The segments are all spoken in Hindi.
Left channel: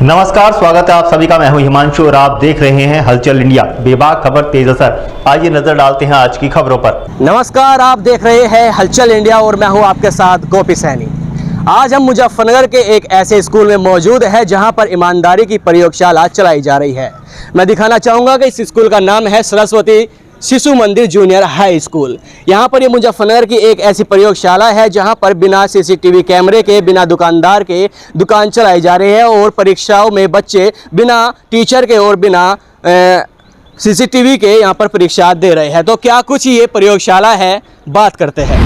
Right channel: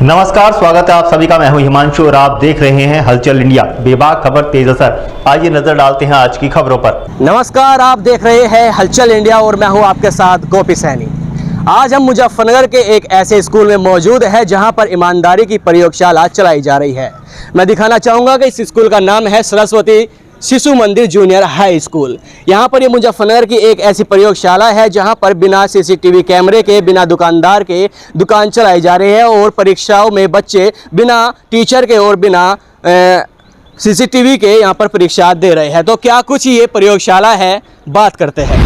नमस्कार, स्वागत है आप सभी का। मैं हूं हिमांशु और आप देख रहे हैं हलचल इंडिया। बेबाक खबर तेज असर। आइए नजर डालते हैं आज की खबरों पर। नमस्कार, आप देख रहे हैं हलचल इंडिया और मैं हूं आपके साथ गोपी सैनी। आज हम मुजफ्फरनगर के एक ऐसे स्कूल में मौजूद है जहां पर ईमानदारी की प्रयोगशाला चलाई जा रही है। मैं दिखाना चाहूँगा कि इस स्कूल का नाम है सरस्वती शिशु मंदिर जूनियर हाई स्कूल। यहाँ पर ये मुजफ्फरनगर की एक ऐसी प्रयोगशाला है जहाँ पर बिना सीसीटीवी कैमरे के, बिना दुकानदार के दुकान चलाई जा रही है और परीक्षाओं में बच्चे बिना टीचर के और बिना सीसीटीवी के यहाँ पर परीक्षा दे रहे हैं। तो क्या कुछ ये प्रयोगशाला है, बात करते हैं।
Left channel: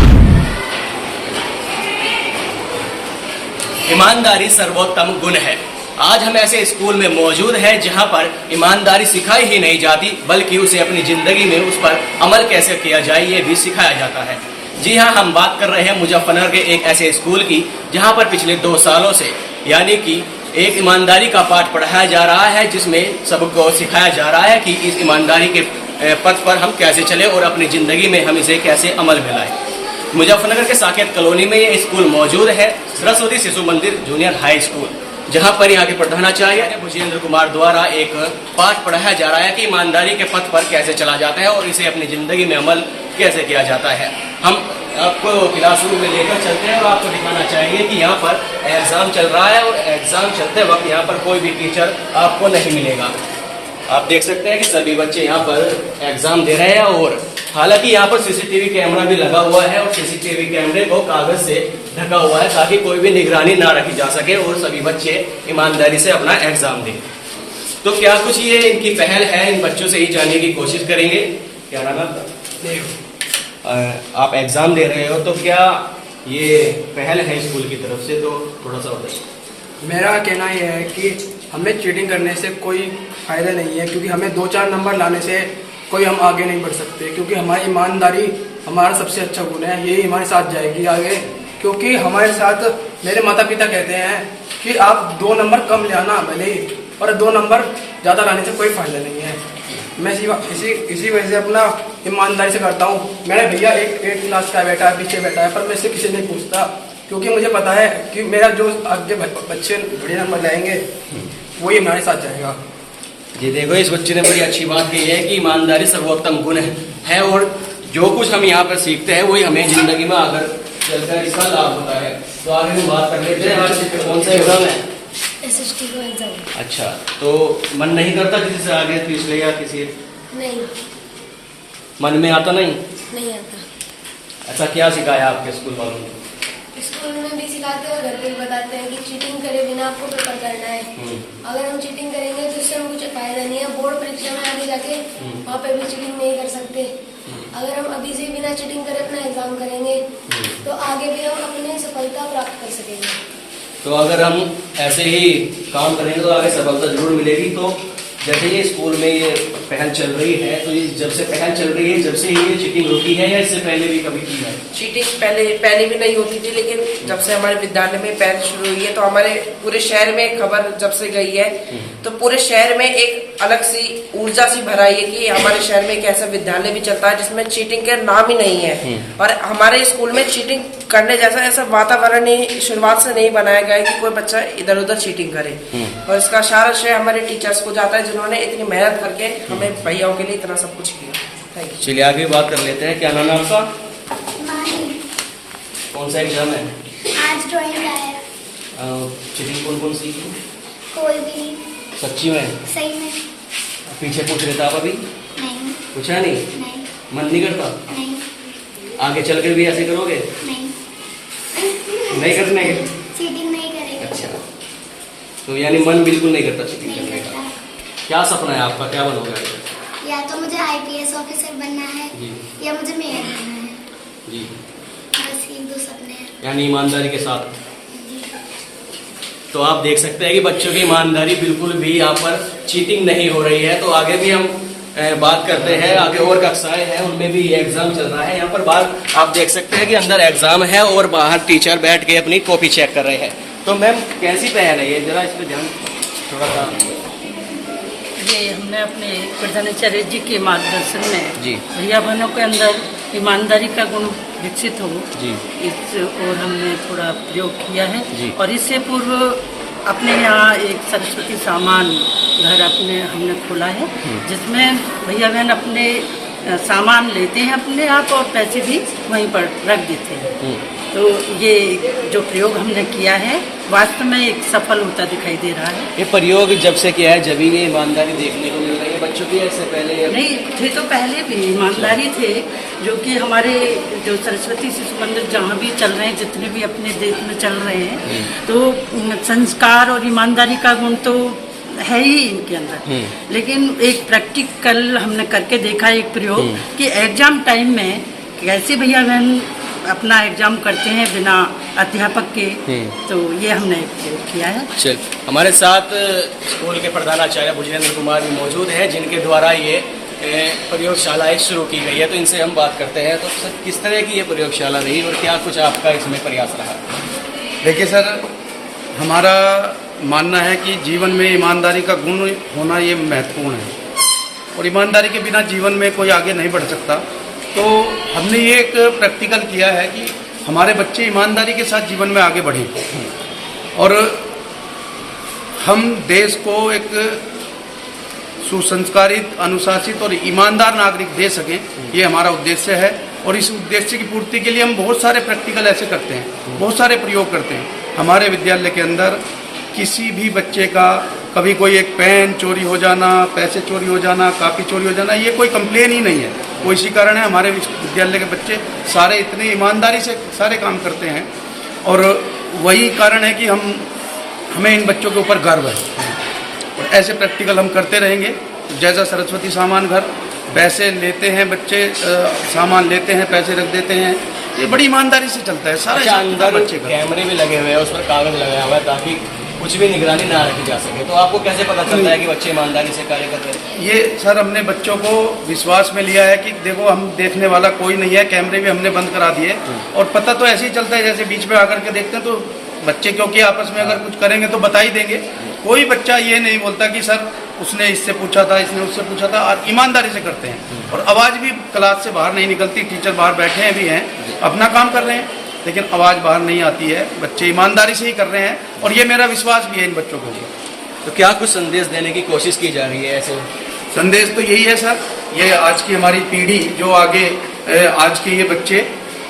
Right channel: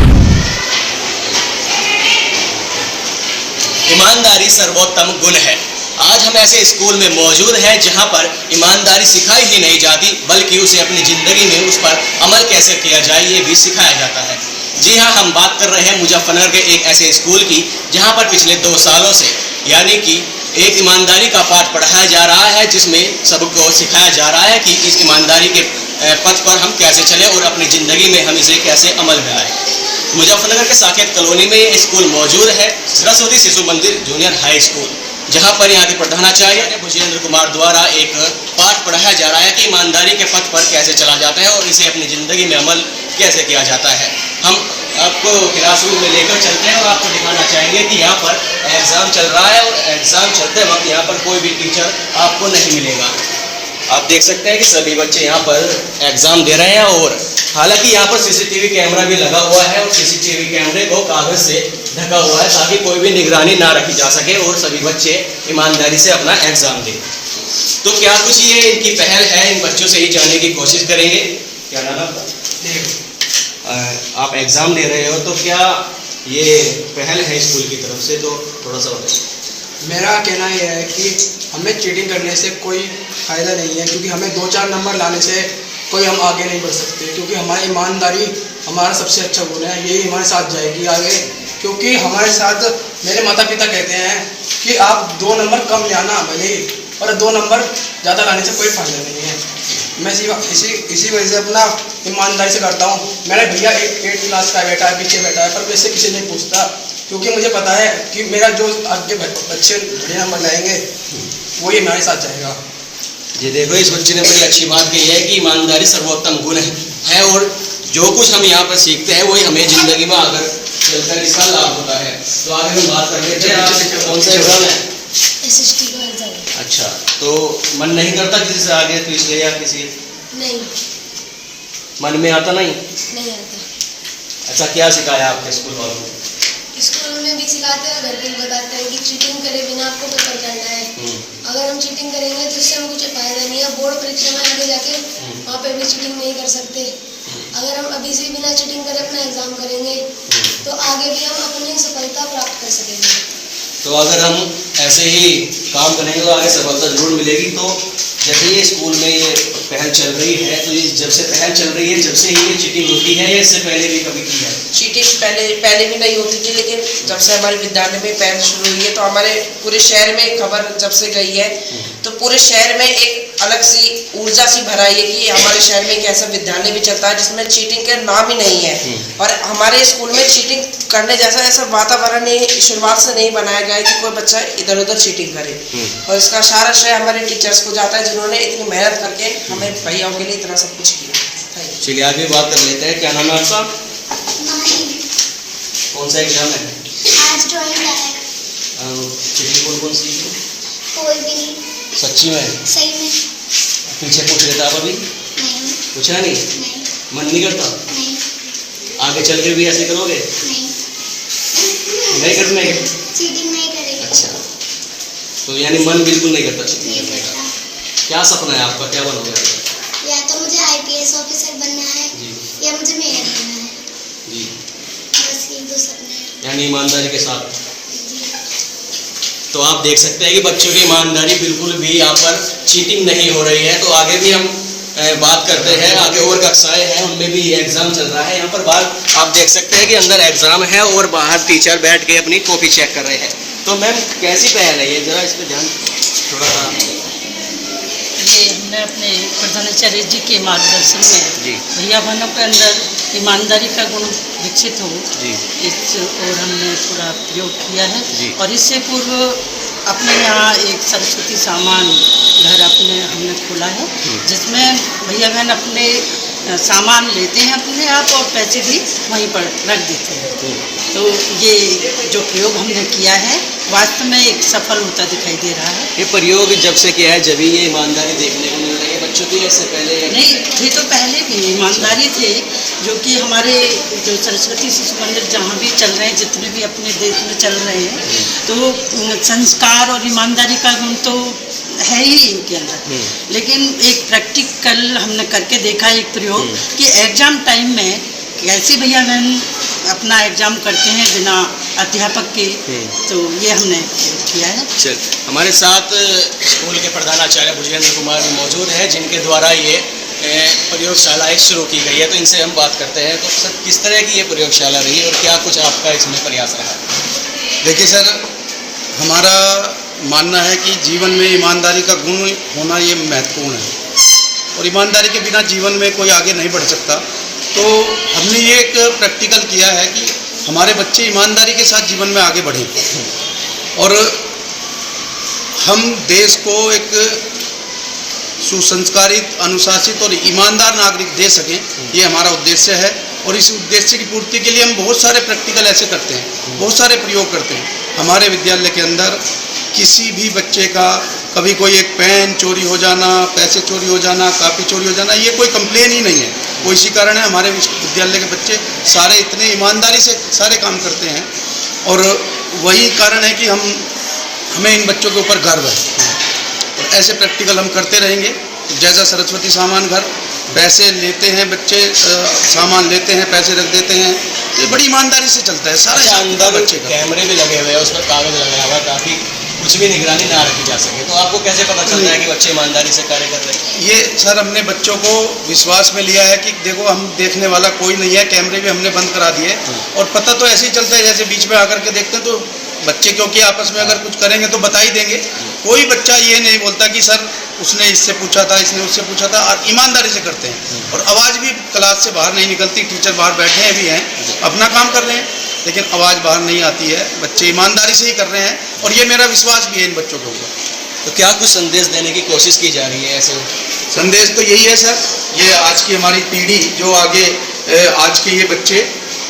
ईमानदारी सर्वोत्तम गुण है। आज हम ऐसे स्कूल में मौजूद हैं जहां पर ईमानदारी सिखाई ही नहीं जाती, बल्कि उसे अपनी ज़िंदगी में उस पर अमल कैसे किया जाए ये भी सिखाया जाता है। जी हां, हम बात कर रहे हैं मुजफ्फरनगर के एक ऐसे स्कूल की जहां पर पिछले 2 सालों से यानी कि एक ईमानदारी का पाठ पढ़ाया जा रहा है, जिसमें सबको सिखाया जा रहा है कि इस ईमानदारी के पथ पर हम कैसे चलें और अपनी ज़िंदगी में हम इसे कैसे अमल में लाएँ। मुजफ्फरनगर के साकेत कॉलोनी में ये स्कूल मौजूद है, सरस्वती शिशु मंदिर जूनियर हाई स्कूल, जहां पर यहाँ के प्रधानाचार्य भुजेंद्र कुमार द्वारा एक पाठ पढ़ाया जा रहा है कि ईमानदारी के पथ पर कैसे चला जाता है और इसे अपनी ज़िंदगी में अमल कैसे किया जाता है। हम आपको क्लासरूम में लेकर चलते हैं और आपको दिखाना चाहेंगे कि यहाँ पर एग्ज़ाम चल रहा है और एग्ज़ाम चलते वक्त यहाँ पर कोई भी टीचर आपको नहीं मिलेगा। आप देख सकते हैं कि सभी बच्चे यहाँ पर एग्ज़ाम दे रहे हैं और हालांकि यहाँ पर सीसीटीवी कैमरा भी लगा हुआ है और सीसीटीवी कैमरे को कागज़ से ढका हुआ है ताकि कोई भी निगरानी ना रखी जा सके और सभी बच्चे ईमानदारी से अपना एग्ज़ाम दें। तो क्या कुछ ये इनकी पहल है, इन बच्चों से ही जानने की कोशिश करेंगे। क्या नाम आपका? आप एग्ज़ाम दे रहे हो, तो क्या ये पहल है स्कूल की तरफ से? तो थोड़ा सा बताइए। मेरा कहना यह है कि हमें चीटिंग करने से कोई फ़ायदा नहीं है, क्योंकि हमें 2-4 नंबर लाने से कोई हम आगे नहीं बढ़ सकते, क्योंकि हमारी ईमानदारी हमारा सबसे अच्छा गुण है। यही हमारे साथ जाएगी आगे, क्योंकि हमारे साथ मेरे माता पिता कहते हैं कि आप 2 नंबर कम ले आना भले ही, और 2 नंबर ज़्यादा लाने से कोई फ़ायदा नहीं है। मैं इसी वजह से अपना ईमानदारी से करता हूँ। मेरा भैया एक 8th क्लास का बैठा है, पीछे बैठा है, पर मैं इससे किसी नहीं पूछता, क्योंकि मुझे पता है कि मेरा जो आगे बच्चे बड़े नंबर लाएंगे वही हमारे साथ जाएगा। जी देखो, इस बच्चे ने बड़ी अच्छी बात कही है कि ईमानदारी सर्वोत्तम गुण है और जो कुछ हम यहाँ पर सीखते हैं वही हमें ज़िंदगी में आकर चलकर इसका लाभ होता है। तो आगे हम बात कर लेते हैं। आज कौन सा एग्ज़ाम है? SST का एग्ज़ाम। अच्छा, तो मन नहीं करता किसी से आगे पिछले या किसी? नहीं, मन में आता नहीं? नहीं आता। अच्छा, क्या सिखाया आपके स्कूल वालों ने? स्कूल में भी सिखाते हैं और घर पे भी बताते हैं कि चीटिंग करे बिना आपको पेपर करना है। अगर हम चीटिंग करेंगे तो इससे हमें कुछ फ़ायदा नहीं है। बोर्ड परीक्षा में आगे जाके वहाँ पे भी चीटिंग नहीं कर सकते। अगर हम अभी से बिना चीटिंग करे अपना एग्ज़ाम करेंगे तो आगे भी हम अपनी सफलता प्राप्त कर सकेंगे। तो अगर हम ऐसे ही काम करेंगे तो आगे सफलता जरूर मिलेगी। तो जैसे ये स्कूल में ये पहल चल रही है, तो ये जब से पहल चल रही है जब से ही ये चीटिंग रुकी है या इससे पहले भी कभी की है? चीटिंग पहले भी नहीं होती थी, लेकिन जब से हमारे विद्यालय में पहल शुरू हुई है तो हमारे पूरे शहर में खबर जब से गई है तो पूरे शहर में एक अलग सी ऊर्जा सी भराई है कि हमारे शहर में एक ऐसा विद्यालय भी चलता है जिसमें चीटिंग का नाम ही नहीं है। और हमारे स्कूल में चीटिंग करने जैसा ऐसा वातावरण ही शुरुआत से नहीं बनाया गया है कि कोई बच्चा इधर उधर चीटिंग करे। और इसका सारा श्रेय हमारे टीचर्स को जाता है जिन्होंने इतनी मेहनत करके हमें भैयाओं के लिए इतना सब कुछ किया। चलिए आगे बात कर लेते हैं। क्या नाम है आपका? कौन सा एग्जाम है? आज ड्राइंग आया। चीटिंग कौन सी? कोई भी नहीं। सच्ची में? सही में। पीछे पूछ लेता आप अभी? नहीं। पूछा नहीं? नहीं। मन नहीं करता? नहीं। आगे चल कर भी ऐसे करोगे? नहीं। नहीं करने? चीटिंग नहीं करेंगे। अच्छा, तो यानी मन बिल्कुल नहीं करता चीटिंग नहीं करने का। करता। क्या सपना है आपका, क्या बनोगे? या तो मुझे IPS ऑफिसर बनना है जी। या मुझे मेयर बनना है। जी, बस ये 2 सपने हैं। यानी ईमानदारी के साथ। जी। तो आप देख सकते हैं कि बच्चों की ईमानदारी बिल्कुल भी यहाँ पर चीटिंग नहीं हो रही है। तो आगे भी हम बात करते हैं। आगे और कक्षाएं हैं, उनमें भी एग्ज़ाम चल रहा है। यहाँ पर बाहर आप देख सकते हैं कि अंदर एग्ज़ाम है और बाहर टीचर बैठ के अपनी कॉपी चेक कर रहे हैं। तो मैम कैसी पहल है ये, ज़रा इस पर ध्यान थोड़ा सा। ये हमने अपने प्रधानाचार्य जी के मार्गदर्शन में जी। भैया बहनों के अंदर ईमानदारी का गुण विकसित हो जी। इस और हमने थोड़ा प्रयोग किया है। जी। और इससे पूर्व अपने यहाँ एक सरस्वती सामान घर हमने खोला है, जिसमें भैया बहन अपने सामान लेते हैं अपने आप और पैसे भी वहीं पर रख देते हैं। तो ये जो प्रयोग हमने किया है वास्तव में एक सफल होता दिखाई दे रहा है। ये प्रयोग जब से किया है जब ये ईमानदारी देखने को मिल रही है बच्चों की, इससे पहले नहीं थे तो पहले भी ईमानदारी थे, जो कि हमारे जो सरस्वती शिशु मंदिर जहाँ भी चल रहे हैं, जितने भी अपने देश में चल रहे हैं, तो संस्कार और ईमानदारी का गुण तो है ही इनके अंदर। लेकिन एक प्रैक्टिकल हमने करके देखा एक प्रयोग कि एग्ज़ाम टाइम में कैसे भैया बहन अपना एग्ज़ाम करते हैं बिना अध्यापक के, तो ये हमने प्रयोग किया है। चल, हमारे साथ स्कूल के प्रधानाचार्य भुजेंद्र कुमार भी मौजूद हैं, जिनके द्वारा ये प्रयोगशाला एक शुरू की गई है। तो इनसे हम बात करते हैं। तो सर, किस तरह की ये प्रयोगशाला रही और क्या कुछ आपका इसमें प्रयास रहा? देखिए सर, हमारा मानना है कि जीवन में ईमानदारी का गुण होना ये महत्वपूर्ण है और ईमानदारी के बिना जीवन में कोई आगे नहीं बढ़ सकता। तो हमने ये एक प्रैक्टिकल किया है कि हमारे बच्चे ईमानदारी के साथ जीवन में आगे बढ़ें और हम देश को एक सुसंस्कारित, अनुशासित और ईमानदार नागरिक दे सकें, ये हमारा उद्देश्य है। और इस उद्देश्य की पूर्ति के लिए हम बहुत सारे प्रैक्टिकल ऐसे करते हैं, बहुत सारे प्रयोग करते हैं। हमारे विद्यालय के अंदर किसी भी बच्चे का कभी कोई एक पेन चोरी हो जाना, पैसे चोरी हो जाना, कापी चोरी हो जाना, ये कोई कंप्लेन ही नहीं है। वो इसी कारण है हमारे विद्यालय के बच्चे सारे इतने ईमानदारी से सारे काम करते हैं और वही कारण है कि हमें इन बच्चों के ऊपर गर्व है और ऐसे प्रैक्टिकल हम करते रहेंगे। जैसा सरस्वती सामान घर, पैसे लेते हैं बच्चे, सामान लेते हैं, पैसे रख देते हैं, ये बड़ी ईमानदारी से चलता है सारा। अच्छा, अंदर बच्चे का कैमरे भी लगे हुए हैं, उसमें कागज लगाया हुआ है ताकि कुछ भी निगरानी ना रखी जा सके। तो आपको कैसे पता चलता है कि बच्चे ईमानदारी से कार्य कर रहे हैं? ये सर, हमने बच्चों को विश्वास में लिया है कि देखो हम देखने वाला कोई नहीं है, कैमरे भी हमने बंद करा दिए और पता तो ऐसे ही चलता है जैसे बीच में आकर के देखते हैं। तो बच्चे क्योंकि आपस में अगर कुछ करेंगे तो बता ही देंगे। कोई बच्चा ये नहीं बोलता कि सर उसने इससे पूछा था, इसने उससे पूछा था, और ईमानदारी से करते हैं। और आवाज़ भी क्लास से बाहर नहीं निकलती, टीचर बाहर बैठे हैं भी हैं, अपना काम कर रहे हैं, लेकिन आवाज़ बाहर नहीं आती है। बच्चे ईमानदारी से ही कर रहे हैं और ये मेरा विश्वास भी है इन बच्चों के ऊपर। तो क्या कुछ संदेश देने की कोशिश की जा रही है ऐसे? संदेश तो यही है सर, ये आज की हमारी पीढ़ी जो आगे, आज के ये बच्चे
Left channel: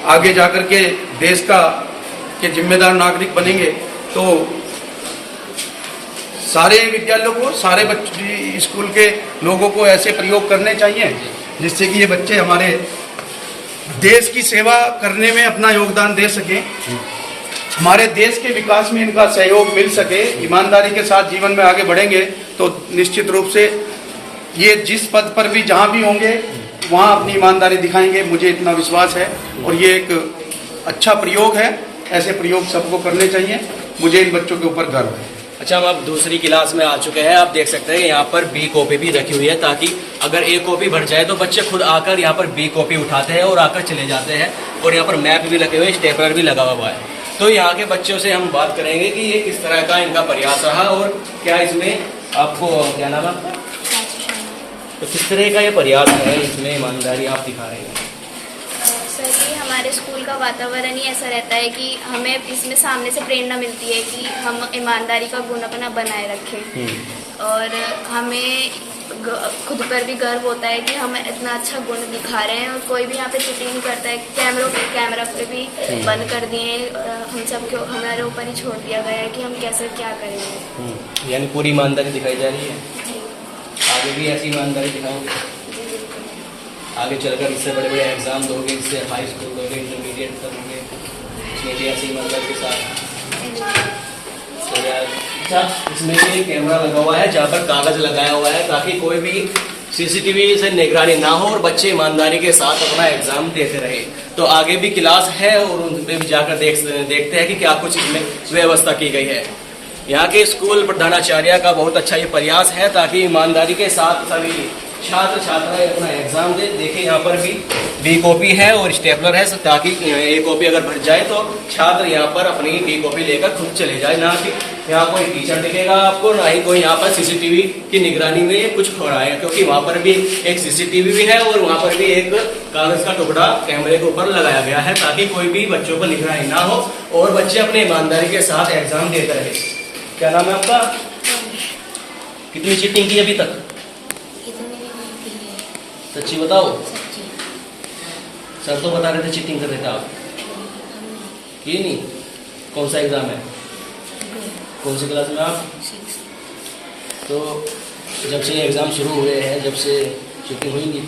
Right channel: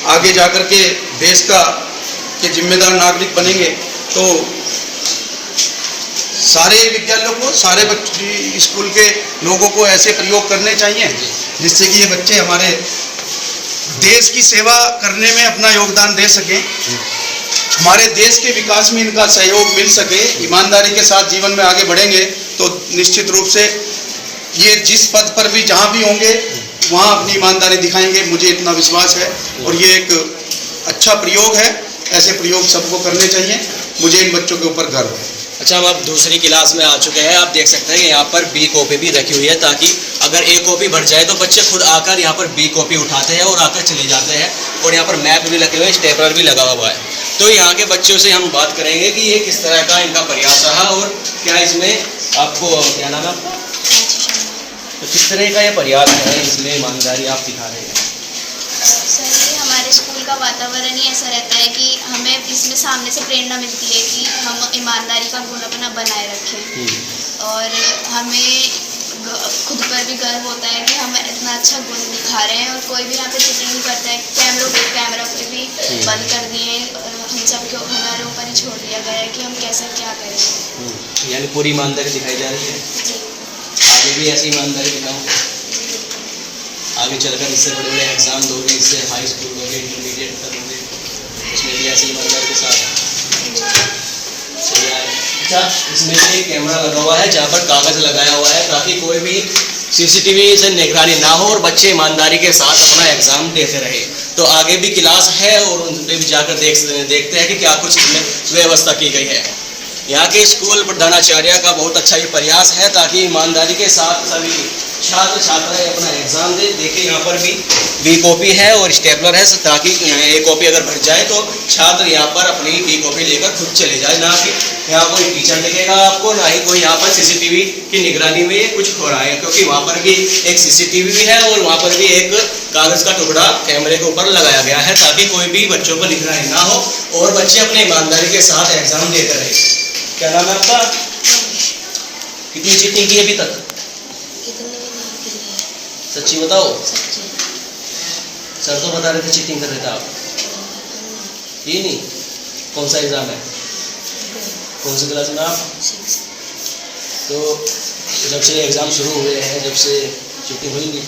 आगे जाकर के देश के जिम्मेदार नागरिक बनेंगे, तो सारे विद्यालयों को, सारे बच्चे, स्कूल के लोगों को ऐसे प्रयोग करने चाहिए जिससे कि ये बच्चे हमारे देश की सेवा करने में अपना योगदान दे सकें, हमारे देश के विकास में इनका सहयोग मिल सके। ईमानदारी के साथ जीवन में आगे बढ़ेंगे तो निश्चित रूप से ये जिस पद पर भी जहाँ भी होंगे वहाँ अपनी ईमानदारी दिखाएंगे, मुझे इतना विश्वास है। और ये एक अच्छा प्रयोग है, ऐसे प्रयोग सबको करने चाहिए, मुझे इन बच्चों के ऊपर गर्व है। अच्छा, हम अब दूसरी क्लास में आ चुके हैं। आप देख सकते हैं कि यहाँ पर बी कॉपी भी रखी हुई है ताकि अगर ए कॉपी भर जाए तो बच्चे खुद आकर यहाँ पर बी कॉपी उठाते हैं और आकर चले जाते हैं। और यहाँ पर मैप भी लगे हुए हैं, स्टेपलर भी लगा हुआ है। तो यहाँ के बच्चों से हम बात करेंगे कि ये किस तरह का इनका प्रयास रहा और क्या इसमें आपको, क्या नाम है आपका? तो किस तरह का ये प्रयास है, इसमें ईमानदारी आप दिखा रहे हैं? सर, ये हमारे स्कूल का वातावरण ही ऐसा रहता है कि हमें इसमें सामने से प्रेरणा मिलती है कि हम ईमानदारी का गुण अपना बनाए रखें और हमें खुद पर भी गर्व होता है कि हम इतना अच्छा गुण दिखा रहे हैं और कोई भी यहाँ पे चीटिंग नहीं करता है। कैमरा पे भी बंद कर दिए, हम सब को हमारे ऊपर ही छोड़ दिया गया है कि हम कैसे क्या करेंगे। यानी पूरी ईमानदारी दिखाई जा रही है। जी, आगे भी ऐसी ईमानदारी दिखाओगे? आगे चलकर इससे बड़े बड़े एग्जाम दोगे, इससे हाई स्कूल दोगे, इंटरमीडिएट करोगे, उसमें भी ऐसी ईमानदारी के साथ। अच्छा, इसमें भी एक कैमरा लगा हुआ है जहाँ पर कागज लगाया हुआ है ताकि कोई भी सीसीटीवी से निगरानी ना हो और बच्चे ईमानदारी के साथ अपना एग्जाम देते रहे। तो आगे भी क्लास है और उन पर भी जाकर देखते हैं कि क्या कुछ इसमें व्यवस्था की गई है। यहाँ के स्कूल प्रधानाचार्य का बहुत अच्छा ये प्रयास है ताकि ईमानदारी के साथ सभी छात्र छात्राएं अपना एग्ज़ाम दे। देखिए यहाँ पर भी बी कॉपी है और स्टेपलर है ताकि ए कॉपी अगर भर जाए तो छात्र यहाँ पर अपनी बी कॉपी लेकर खुद चले जाए, ना कि यहाँ कोई टीचर दिखेगा आपको, ना ही कोई यहाँ पर सीसीटीवी की निगरानी में कुछ हो रहा है, क्योंकि वहाँ पर भी एक सीसीटीवी भी है और वहाँ पर भी एक कागज़ का टुकड़ा कैमरे के ऊपर लगाया गया है ताकि कोई भी बच्चों पर निगरानी ना हो और बच्चे अपने ईमानदारी के साथ एग्ज़ाम देते रहे। क्या नाम है आपका? कितनी चीटिंग की अभी तक? इतनी भी नहीं की है। सच्ची बताओ। सच्ची। सर तो बता रहे थे चीटिंग कर रहे थे आप। ये नहीं। कौन सा एग्ज़ाम है? कौन सी क्लास में आप? 6। तो जब से एग्ज़ाम शुरू हुए हैं, जब से चीटिंग हुई नहीं,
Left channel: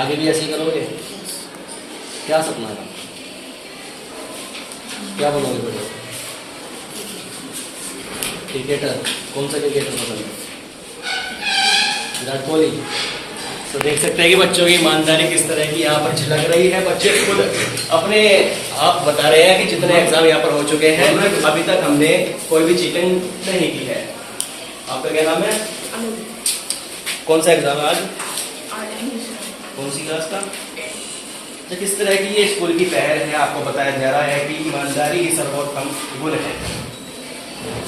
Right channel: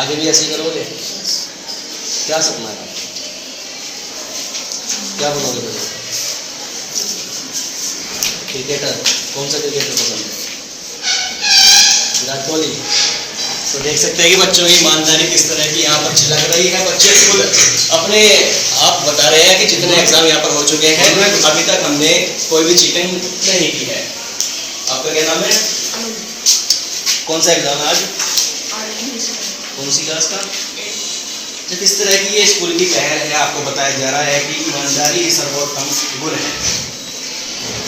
आगे भी ऐसे करोगे? क्या सपना है? क्या बनोगे बड़े? क्रिकेटर? कौन सा क्रिकेटर पसंद है? विराट कोहली। तो देख सकते हैं कि बच्चों की ईमानदारी किस तरह की यहाँ पर झलक रही है। बच्चे खुद अपने आप बता रहे हैं कि जितने एग्ज़ाम यहाँ पर हो चुके हैं अभी तक हमने कोई भी चीटिंग नहीं की है। आपका क्या नाम है? कौन सा एग्ज़ाम है आज? कौन सी क्लास का? तो किस तरह की ये स्कूल की पहल है? आपको बताया जा रहा है कि ईमानदारी ही सर्वोत्तम गुण है।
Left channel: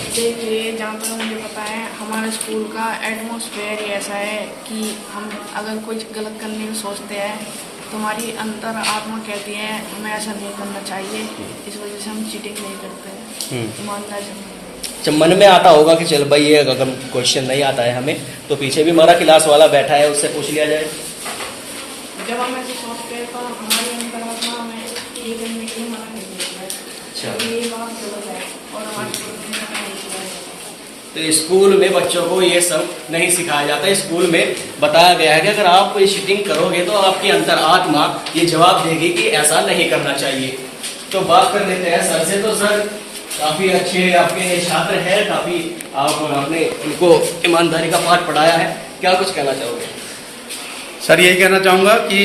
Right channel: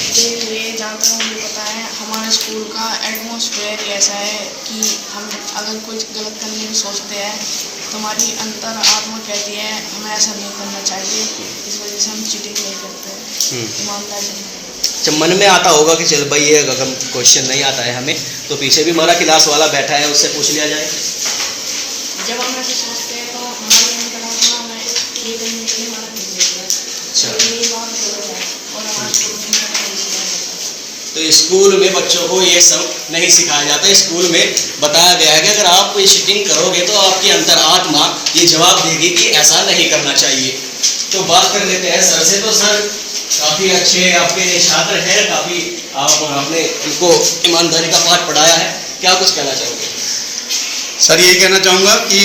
देखिए, जहाँ तक मुझे पता है हमारे स्कूल का एटमॉस्फेयर ही ऐसा है कि हम अगर कुछ गलत करने की सोचते हैं तो हमारी अंतर आत्मा कहती है हमें ऐसा नहीं करना चाहिए। इस वजह से हम चीटिंग नहीं करते, ईमानदारी। जब मन में आता होगा कि चल भाई ये अगर क्वेश्चन नहीं आता है हमें तो पीछे भी हमारा क्लास वाला बैठा है, उससे पूछ लिया जाए। जब हम ऐसे सोचते हैं तो हमारी अंतरात्मा हमें ये करने के लिए मना नहीं देती है। अच्छा। तो ये बात गलत है और हमारे स्कूल में नहीं सिखाया जाता। तो स्कूल में बच्चों को ये सब नहीं सिखाया जाता। स्कूल में बताया गया है कि अगर आप कोई चीटिंग करोगे तो आपकी अंतरात्मा ये जवाब देगी कि ऐसा नहीं करना चाहिए। तो बात कर लेते हैं सर से। तो सर काफ़ी अच्छे आपके छात्र हैं, काफ़ी आपने इनको ईमानदारी का पाठ पढ़ाया है, क्या कुछ कहना चाहोगे? सर यही कहना चाहूँगा कि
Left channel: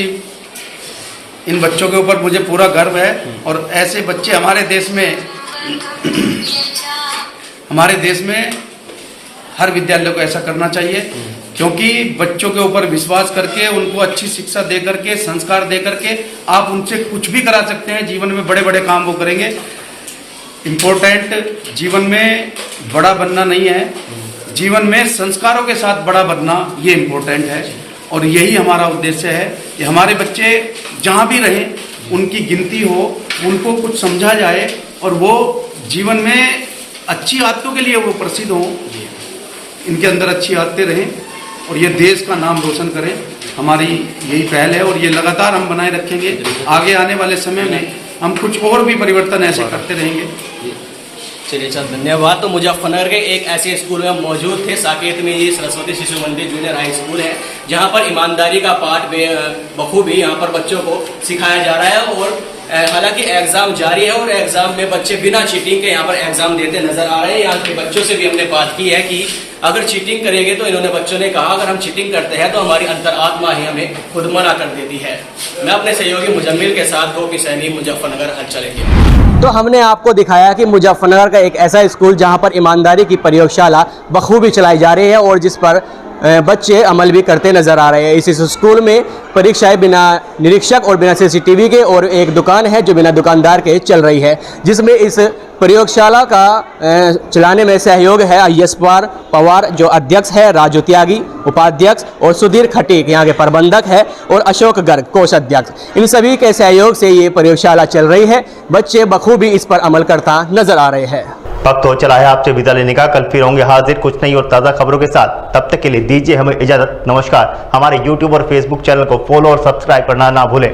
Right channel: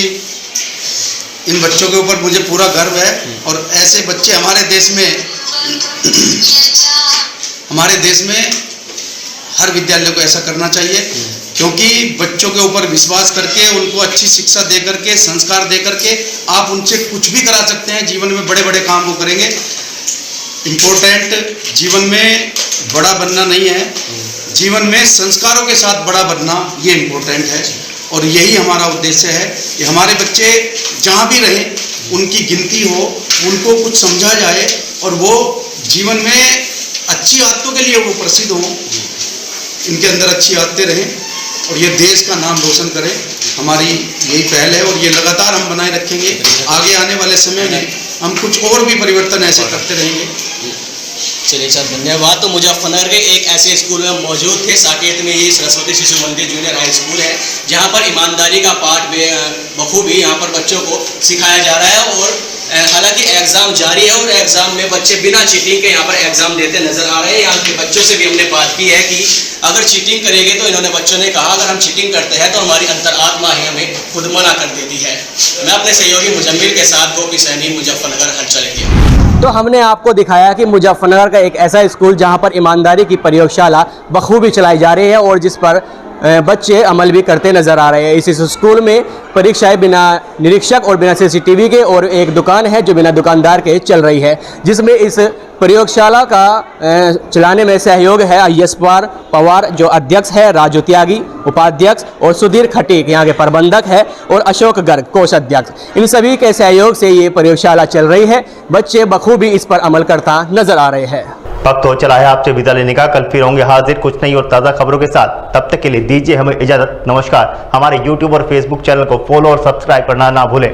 इन बच्चों के ऊपर मुझे पूरा गर्व है और ऐसे बच्चे हमारे देश में हर विद्यालय को ऐसा करना चाहिए, क्योंकि बच्चों के ऊपर विश्वास करके उनको अच्छी शिक्षा दे करके संस्कार दे करके आप उनसे कुछ भी करा सकते हैं। जीवन में बड़े बड़े काम वो करेंगे। इम्पोर्टेंट जीवन में बड़ा बनना नहीं है, जीवन में संस्कारों के साथ बड़ा बनना ये इम्पोर्टेंट है। और यही हमारा उद्देश्य है कि हमारे बच्चे जहाँ भी रहें उनकी गिनती हो, उनको कुछ समझा जाए और वो जीवन में अच्छी आदतों के लिए वो प्रसिद्ध हो, इनके अंदर अच्छी आदतें रहें और ये देश का नाम रोशन करें। हमारी यही पहल है और ये लगातार हम बनाए रखेंगे। आगे आने वाले समय में हम कुछ और भी परिवर्तन ऐसे करते रहेंगे। चलिए सर, धन्यवाद। तो मुजफ्फरनगर के एक ऐसे स्कूल में हम मौजूद थे, साकेत में। ये सरस्वती शिशु मंदिर जूनियर हाई स्कूल है, जहाँ पर ईमानदारी का पाठ बखूबी यहाँ पर बच्चों को सिखाया जा रहा है। और हालांकि एग्ज़ाम जारी है और एग्ज़ाम में बच्चे बिना चीटिंग के यहाँ पर एग्ज़ाम देते नज़र आ रहे हैं। यहाँ के बच्चों से भी हमने बात की है कि अगर चीटिंग करेंगे तो इन्होंने बच्चों ने कहा अगर हम चीटिंग करते हैं तो हमारी अंतरात्मा ही हमें खुद मना कर देती है। मैं अपने सहयोगी मुजम्मिल के साथ गोपी सैनी, मुजफ्फरनगर, हलचल इंडिया। तो हमने आपको दिखाया कि मुजफ्फरनगर का एक ऐसा स्कूल जहाँ पर ईमानदारी की प्रयोगशाला बखूबी चलाई जा रही है और जिस पर बच्चे अमल भी करते नज़र आ रहे हैं। इस स्कूल में परीक्षाएं बिना निरीक्षक और बिना सीसीटीवी के और एक दुकान है जो बिना दुकानदार के चल रही है, जिसमें इस प्रयोगशाला का चलाने में सहयोग है IS पवार जो अध्यक्ष है, राजू त्यागी उपाध्यक्ष और सुधीर खटीक यहाँ के प्रबंधक है और अशोक गर्ग कोषाध्यक्ष। इन सभी के सहयोग से ये प्रयोगशाला चल रही है। बच्चे बखूबी इस पर अमल करता नजर आ रहे हैं। वक्त हो चला है आपसे विदा लेने का। कल फिर होंगे हाजिर कुछ नई और ताज़ा खबरों के साथ। तब तक के लिए दीजिए हमें इजाज़त। नमस्कार। हमारे YouTube और Facebook चैनल को फॉलो और सब्सक्राइब करना ना भूलें।